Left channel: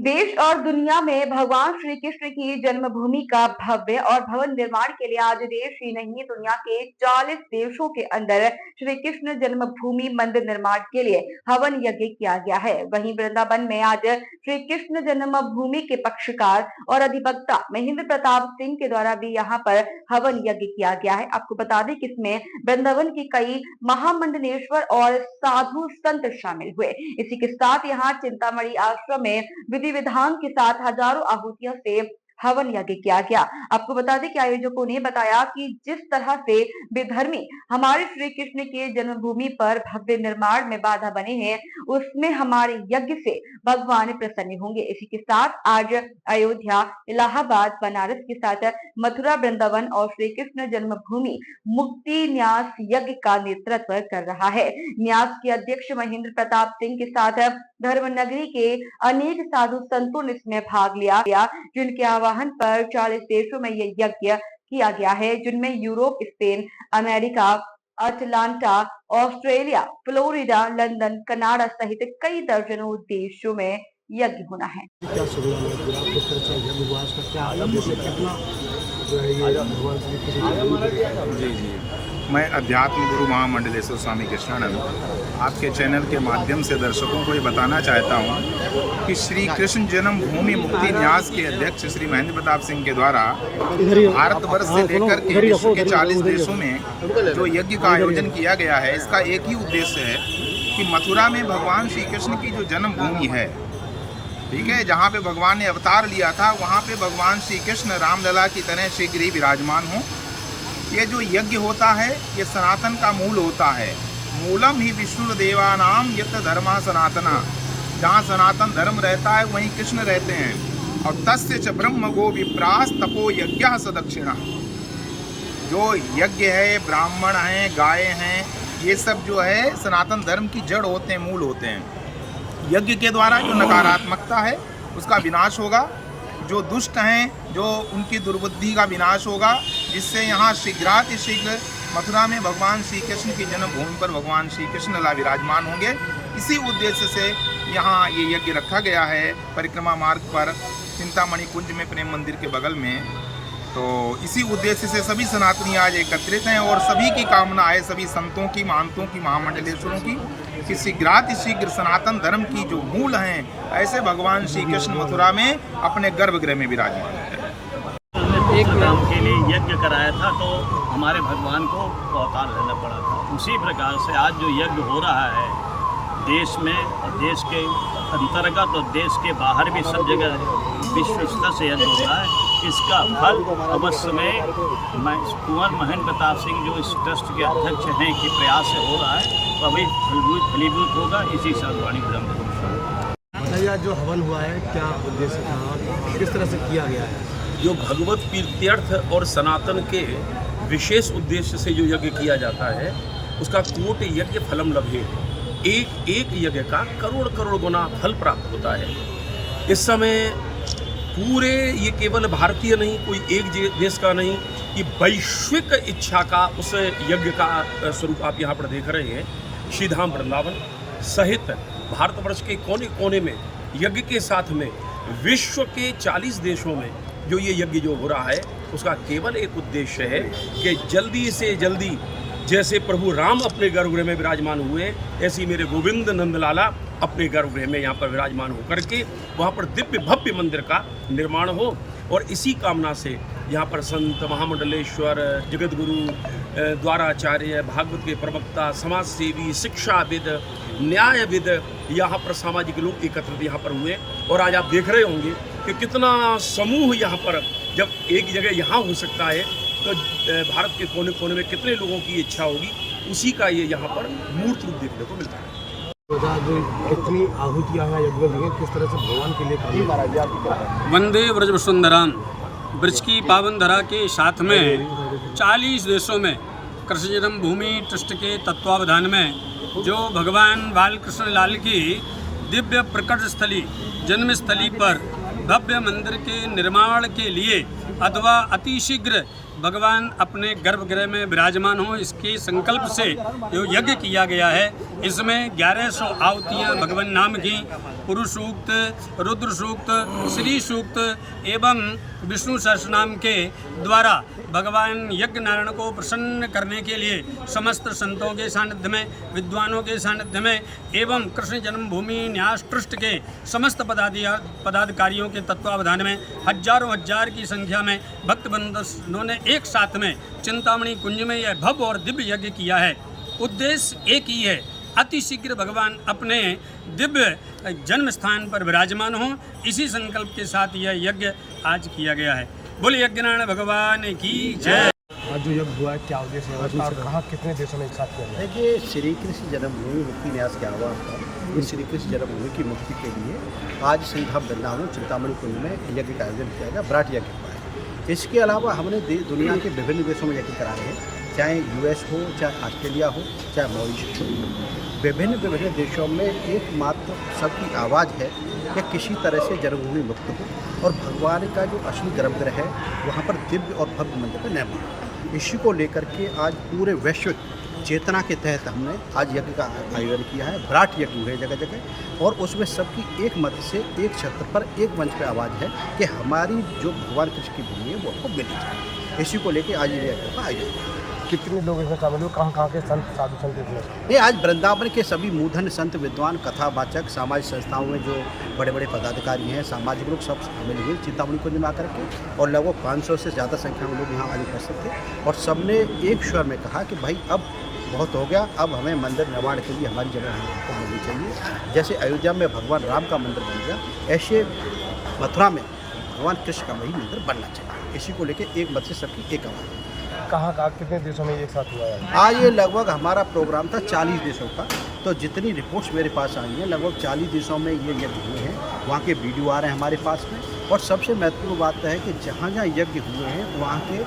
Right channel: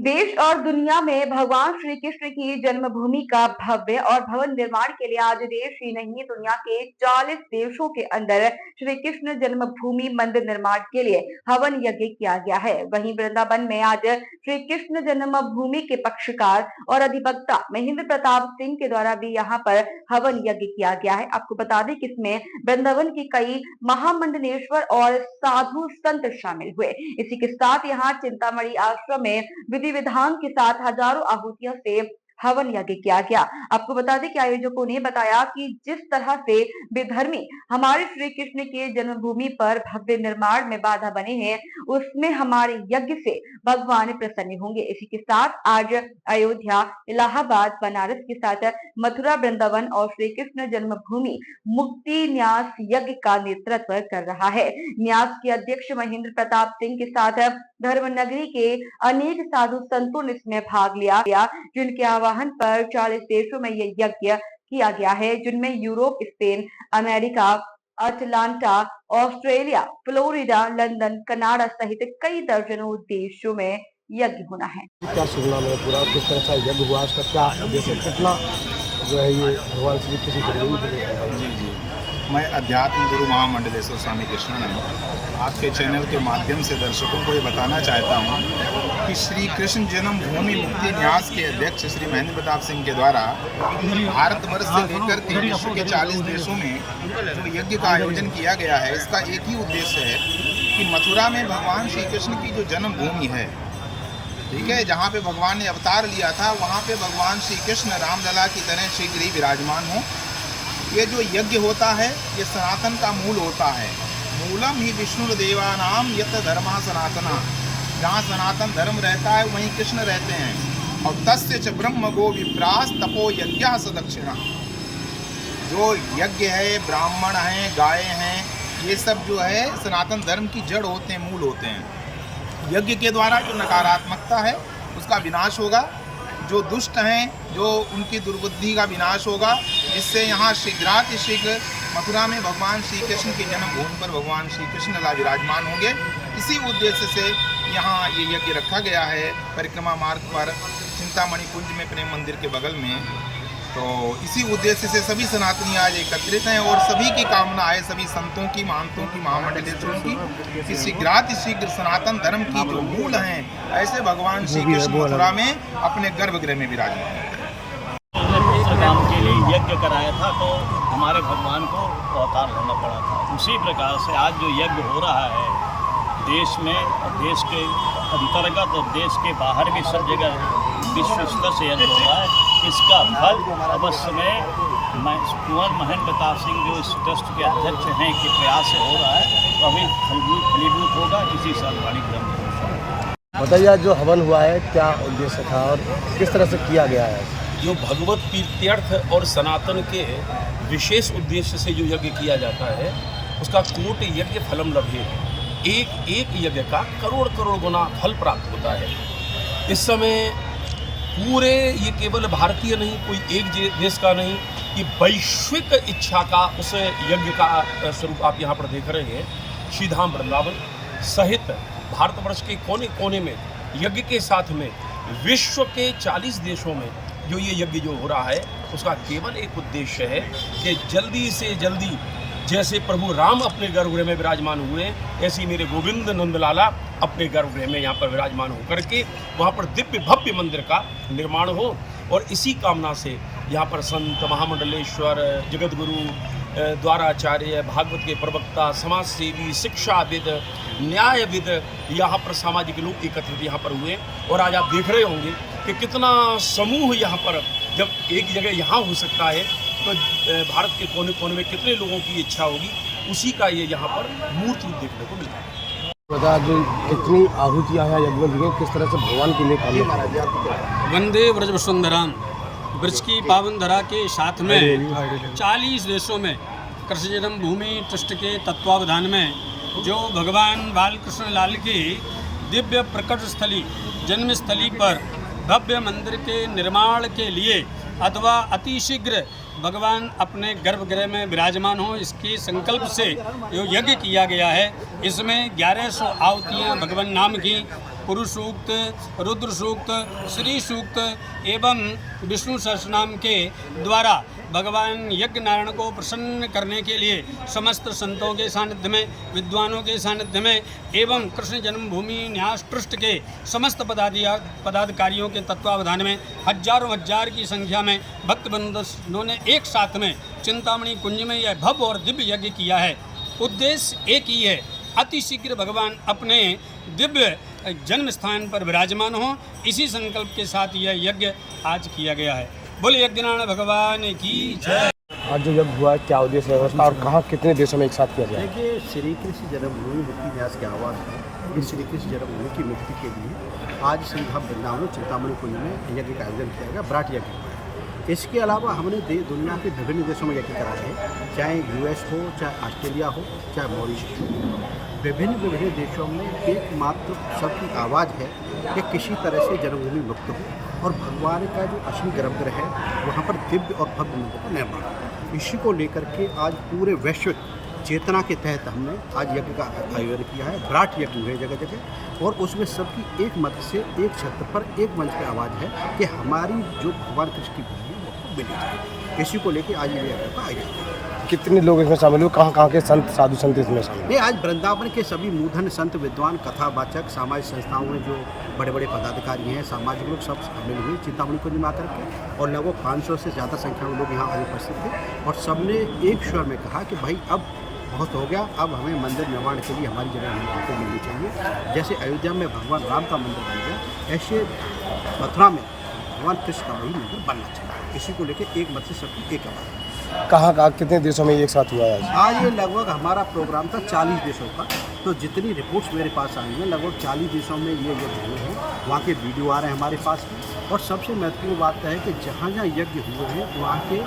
देश और दुनिया में भगवान श्री कृष्ण की जन्मभूमि का भव्य और भवन निर्माण के लिए आज देश ही नहीं दुनिया के 40 देशों के अंदर श्री कृष्ण जन्मभूमि मंदिर निर्माण के लिए हवन यज्ञ किया गया है। वहीं वृंदावन में आज श्री कृष्ण जन्मभूमि के पक्षकार और अधिवक्ता महेंद्र प्रताप सिंह के द्वारा भी यहाँ पर हवन यज्ञ किया गया है। आपको बता दें कि इसमें वृंदावन की कई महामंडलेश्वर और साधु संत शामिल हुए। इसी के साथ यहाँ चिंतामणि आश्रम में विधि विधान के साथ हजारों आहुतियों से हवन यज्ञ किया गया। आपको बता दें कि आयोजकों ने बताया कि जिस तरह से विधर्मी हमारे श्री कृष्ण के जन्मभूमि पर भव्य निर्माण में बाधा बने हैं, उसमें हमारे यज्ञ से भगवान प्रसन्न होंगे। इसी के साथ आज अयोध्या, इलाहाबाद, बनारस के साथ मथुरा, वृंदावन और श्री कृष्ण जन्मभूमि मुक्ति न्यास यज्ञ का नेतृत्व कर रहा है। न्यास के अध्यक्ष महेंद्र प्रताप सिंह के साथ धर्मनगरी के अनेक साधु संतों ने इसमें भाग लिया, जिनके आह्वान पर 40 देशों में यह यज्ञ किया गया है, जिनमें Europe, Spain, America, Atlanta, Australia, Florida, London, Canada सहित कई दर्जनों देशों में यज्ञ होना है। क्या सुनना में पूरा किस तरह से यज्ञ हुआ, उसका क्या जैसे कितना जो है ये भगवान श्री कृष्ण जी जी, मैं अध्यात्म गुरु महामंडलेश्वर स्वामी कृष्णानंद आपके चैनल के माध्यम से दर्शकों को ये बताना चाहता हूँ कि श्री कृष्ण जन्मभूमि मुक्ति न्यास के अध्यक्ष श्री महेंद्र प्रताप सिंह के द्वारा भारतवर्ष से लेकर के विश्व के 40 देशों में जो यज्ञ का आयोजन किया गया है, इसका एक ही उद्देश्य है कि मथुरा में भगवान श्री कृष्ण की जो जन्मभूमि है, ठीक है, जहाँ पे भगवान ने अवतार लिया था, वहाँ पे भगवान श्री कृष्ण रामलला की तरह शीघ्र ही विराजमान हो। ये जो यज्ञ होता है, ये सनातन का मूल होता है। मूलम ही विष्णुर्देवानाम यत धर्मा सनातना, जहाँ सनातन धर्म रहता है वहीं कृष्ण रहते हैं। और तस्य च ब्रह्म गो विप्रास तपो यज्ञ सदक्षिणा, जो यज्ञ है, ब्राह्मण हैं, गाय हैं, ये सब जो है सनातन धर्म की जड़ होते हैं, मूल होते हैं। यज्ञ के द्वारा जो नकारात्मकता है उसका विनाश होगा, जो दुष्ट हैं जो उनकी दुर्बुद्धि का विनाश होगा, जिससे यहाँ शीघ्र मथुरा में भगवान श्री कृष्ण की जन्मभूमि पर भगवान श्री कृष्ण लला विराजमान होंगे। इसी उद्देश्य से यहाँ ये यज्ञ रखा गया है परिक्रमा मार्ग पर चिंतामणि कुंज में, प्रेम मंदिर के बगल में। तो इसी उद्देश्य से सभी सनातनी आज एकत्रित हैं और सभी की कामना है, सभी संतों की, महंतों की, महामंडलेश्वरों की, कि शीघ्र सनातन धर्म की जो मूल हैं, ऐसे भगवान श्री कृष्ण मथुरा में अपने गर्भगृह में विराजमान हैं। पुत्र काम के लिए यज्ञ कराया था तो हमारे भगवान को अवतार लेना पड़ा था। उसी प्रकार से आज जो यज्ञ हो रहा है देश में और देश के अंतर्गत और देश के बाहर भी सब जगह विश्व स्तर से यज्ञ हो रहा है, इसका फल अवश्य में कुंवर महेंद्र प्रताप सिंह जो इस ट्रस्ट के अध्यक्ष हैं के प्रयास से हो रहा है, तो अभी फलीभूत होगा। इसी सर्ववाणी विरम बताइए, जो हवन हुआ है क्या उद्देश्य था और किस तरह से किया गया है? जो भगवत कीर्त्यर्थ और सनातन के विशेष उद्देश्य से जो यज्ञ किया जाता है उसका कोटि यज्ञ फलम लभे, एक एक यज्ञ का करोड़ करोड़ गुना फल प्राप्त होता है। इस समय पूरे, ये केवल भारतीय नहीं, कोई एक देश का नहीं, ये वैश्विक इच्छा का उस यज्ञ का स्वरूप आप यहाँ पर देख रहे हैं। श्रीधाम वृंदावन सहित भारतवर्ष के कोने कोने में यज्ञ के साथ में विश्व के 40 देशों में जो ये यज्ञ जो हो रहा है उसका केवल एक उद्देश्य है कि जल्दी से जल्दी जैसे प्रभु राम अपने गर्भगृह में विराजमान हुए, ऐसी मेरे गोविंद नंदलाला अपने गर्भगृह में यहाँ पर विराजमान होकर के वहाँ पर दिव्य भव्य मंदिर का निर्माण हो। और इसी कामना से यहाँ पर संत, महामंडलेश्वर, जगतगुरु, द्वाराचार्य, भागवत के प्रवक्ता, समाज सेवी, शिक्षाविद, न्यायविद, यहाँ पर सामाजिक लोग एकत्रित यहाँ पर हुए। और आज आप देख रहे होंगे कि कितना समूह यहाँ पर, जब एक जगह यहाँ हो सकता है तो भारत के कोने कोने में कितने लोगों की इच्छा होगी, उसी का ये यहाँ पर मूर्त रूप देखने को मिलता है। जो कितनी आहुतियाँ हैं यज्ञ में, किस तरह से भगवान के लिए वंदे व्रज वसुंधराम, ब्रज की पावन धरा के साथ में 40 देशों में कृष्ण जन्मभूमि ट्रस्ट के तत्वावधान में जो भगवान बालकृष्ण लाल की दिव्य प्रकट स्थली, जन्मस्थली पर भव्य मंदिर के निर्माण के लिए अथवा अतिशीघ्र भगवान अपने गर्भगृह में विराजमान हो, इसके संकल्प से जो यज्ञ किया गया है, इसमें 1100 आहुतियाँ भगवान नाम की पुरुष सूक्त, रुद्र सूक्त, श्री सूक्त एवं विष्णु सहस्रनाम के द्वारा भगवान यज्ञ नारायण को प्रसन्न करने के लिए समस्त संतों के सानिध्य में, विद्वानों के सानिध्य में एवं कृष्ण जन्मभूमि न्यास ट्रस्ट के समस्त पदाधिकारियों के तत्वावधान में हजारों हजार की संख्या में भक्त बंधुओं ने एक साथ में चिंतामणि कुंज में यह भव्य और दिव्य यज्ञ किया है। उद्देश्य एक ही है, अति शीघ्र भगवान अपने दिव्य जन्म स्थान पर विराजमान हों। इसी संकल्प के साथ यह यज्ञ आज किया गया है। बोले यज्ञनारायण भगवान की जय। आज जो यज्ञ हुआ है क्या उद्देश्य है और कहाँ कितने देशों में एक साथ किया गया है? देखिए, श्री कृष्ण जन्मभूमि मुक्ति न्यास के आह्वान पर इस श्री कृष्ण जन्मभूमि की मुक्ति के लिए आज श्री धाम वृंदावन चिंतामणि कुंज में यज्ञ का आयोजन किया गया। विराट यज्ञ हुआ है। इसके अलावा हमने दुनिया के विभिन्न देशों में यज्ञ कराए हैं, चाहे यूएस हो, चाहे ऑस्ट्रेलिया हो, चाहे मॉरिशस हो। विभिन्न देशों में एकमात्र सबकी आवाज़ है कि किसी तरह से जन्मभूमि मुक्त हो और भगवान का जो असली गर्भगृह है वहाँ पर दिव्य और भव्य मंदिर का निर्माण हो। इसी को लेकर के आज पूरे वैश्विक चेतना के तहत हमने आज यज्ञ का आयोजन किया है। विराट यज्ञ हुए जगह जगह और उसमें सबकी एक मत से एक छत्र पर एक मंच पे आवाज़ है कि हमारी जो भगवान कृष्ण की भूमि है वो हमको मिलनी चाहिए। इसी को लेकर आज ये यज्ञ का आयोजन किया। कितने लोग इसमें शामिल हुए, कहाँ के संत साधु संत इसमें शामिल? नहीं, आज वृंदावन के सभी मूधन संत, विद्वान, कथावाचक, सामाजिक संस्थाओं में जो बड़े बड़े पदाधिकारी हैं, सामाजिक लोग सब शामिल हुए चिंतामणि कुंज में आकर के और लगभग 500 से ज़्यादा संख्या में लोग यहाँ आज उपस्थित थे और सबने एक स्वर में कहा कि भाई अब बहुत हो गया, अब हमें मंदिर निर्माण के लिए हमारी जगह हमको मिलनी चाहिए। जैसे अयोध्या में भगवान राम का मंदिर बन गया, ऐसे मथुरा में भगवान कृष्ण का वही मंदिर बनना चाहिए। इसी को लेकर एक मत से सबकी एक आवाज़ है। कहाँ कितने देशों में एक साथ हुआ है? आज ये लगभग हमारा प्रोग्राम था 40 देशों का, तो जितनी रिपोर्ट्स मेरे पास आई हैं लगभग 40 देशों में ये यज्ञ हुए हैं। वहाँ के वीडियो आ रहे हैं हमारे पास में और सबसे महत्वपूर्ण बात है कि जहाँ जहाँ यज्ञ हुए हैं वहाँ के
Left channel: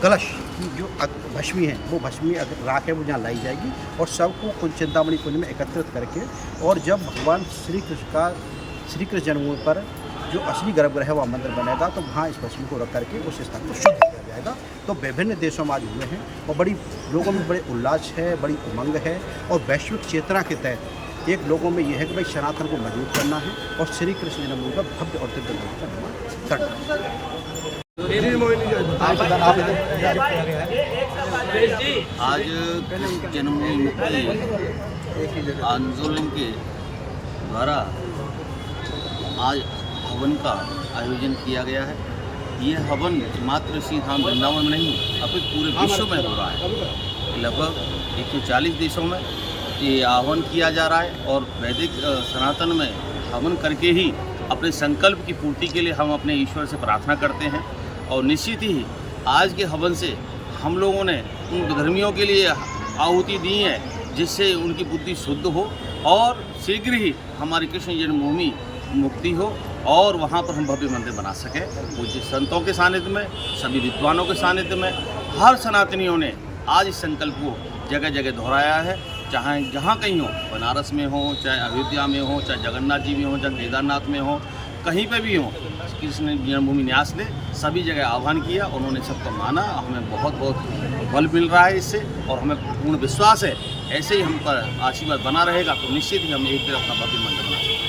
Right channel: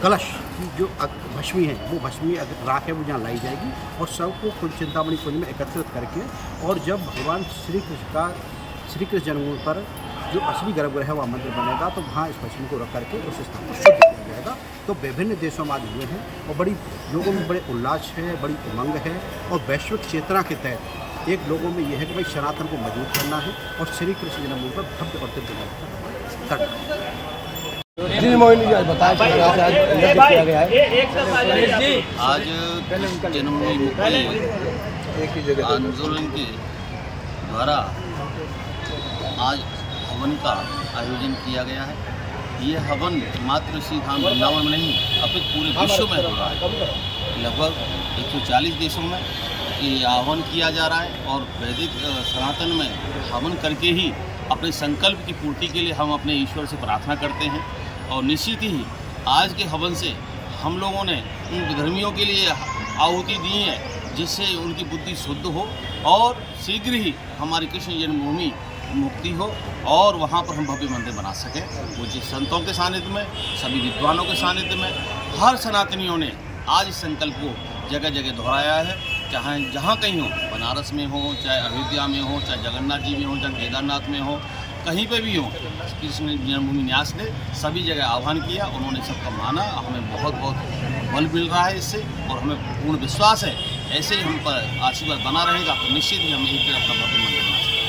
कलश की जो भस्मी है वो भस्मी अगर राख है वो जहाँ लाई जाएगी और सबको चिंतामणि कुंज में एकत्रित करके और जब भगवान श्री कृष्ण जन्मभूमि पर जो असली गर्भगृह है वहाँ मंदिर बनेगा तो वहाँ इस भस्मी को रख करके उस स्थान को शुद्ध किया जाएगा। तो विभिन्न देशों में आज हुए हैं और बड़ी लोगों में बड़े उल्लास है, बड़ी उमंग है और वैश्विक चेतना के तहत एक लोगों में यह है कि भाई सनातन को मजबूत करना है और श्री कृष्ण जन्मभूमि पर भव्य और दिव्य मंदिर का निर्माण करना है। जी मोहिनी बताएं कि अगर आप यज्ञ किया गया है आज कृष्ण जन्मभूमि मुक्ति आंदोलन के द्वारा आज हवन का आयोजन किया गया है। ये हवन मात्र श्री धाम वृंदावन में नहीं अपितु पूरे विश्व में हो रहा है। लगभग 140 देशों में ये आह्वान किया जा रहा है और वैदिक सनातन में हवन करके ही अपने संकल्प की पूर्ति के लिए हम अपने ईश्वर से प्रार्थना करते हैं और निश्चित ही आज के हवन से हम लोगों ने उन धर्मियों के लिए आहुति दी है जिससे उनकी बुद्धि शुद्ध हो और शीघ्र ही हमारी कृष्ण जन्मभूमि मुक्ति हो और वहाँ पर हम भव्य मंदिर बना सकें। पूज्य संतों के सानिध्य में, सभी विद्वानों के सानिध्य में हर सनातनियों ने आज इस संकल्प को जगह जगह दोहराया है। चाहे जहाँ कहीं हो, बनारस में हो, चाहे अयोध्या में हो, चाहे जगन्नाथ जी में हो, चाहे केदारनाथ में हो, कहीं पे भी हो, कृष्ण जन्मभूमि न्यास ने सभी जगह आह्वान किया। उन्होंने सबका माना। हमें बहुत बहुत बल मिल रहा है इससे और हमें पूर्ण विश्वास है ऐसे ही हम पर आशीर्वाद बना रहेगा तो निश्चित ही हम एक दिन अपना भव्य मंदिर बना सकते हैं।